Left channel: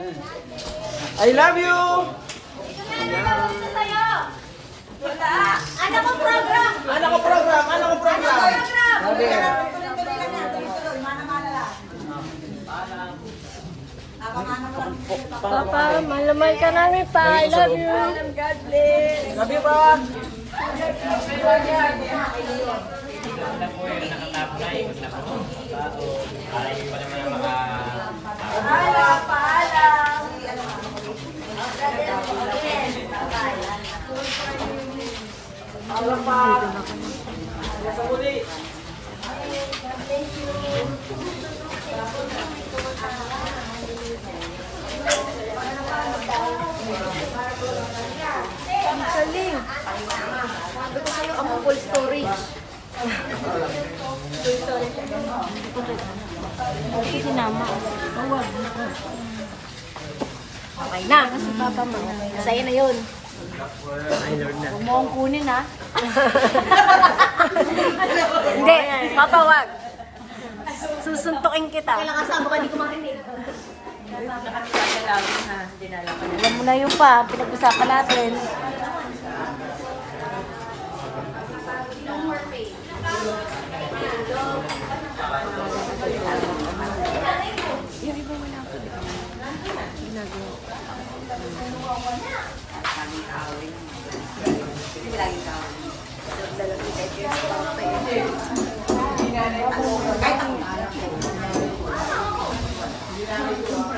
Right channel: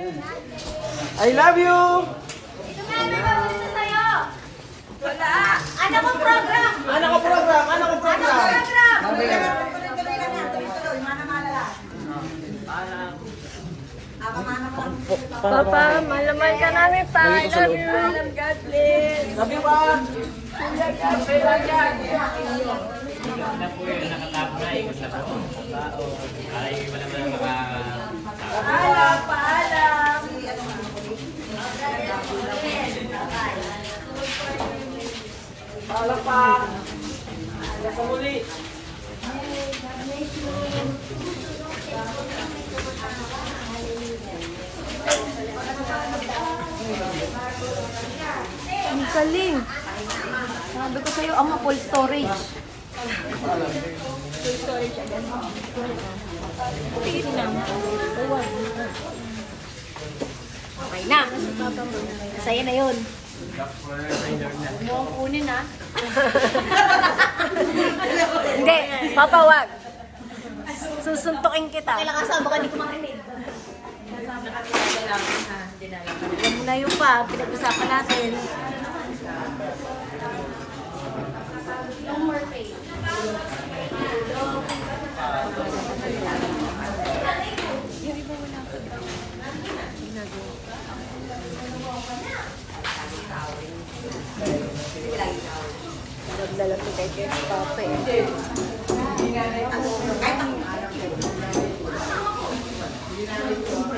I love you! Anak ko program! Anak ko program! Anak ko program! Papa, malaman ka namin pa. I love you. God bless! Love you ba? Paalam! Paalam! Paalam pa! Hanggang sa muli! Ang galing. Sabi ko sa'yo, ang full storage. Full storage agad. Hindi sinama. Huwag. Okay na. Si Papa mo. Sa'yo na yun. Huwag mo ang kunin ha. Hindi, Papa, wag. Susuntukin kita. Kailan kasama ka, hindi ko marinig. Alam mo na yun pa. Pinag-usapan natin. Yung iba wala pa, di ba? Ginagawa. Nagdalag ni kay Papa eh.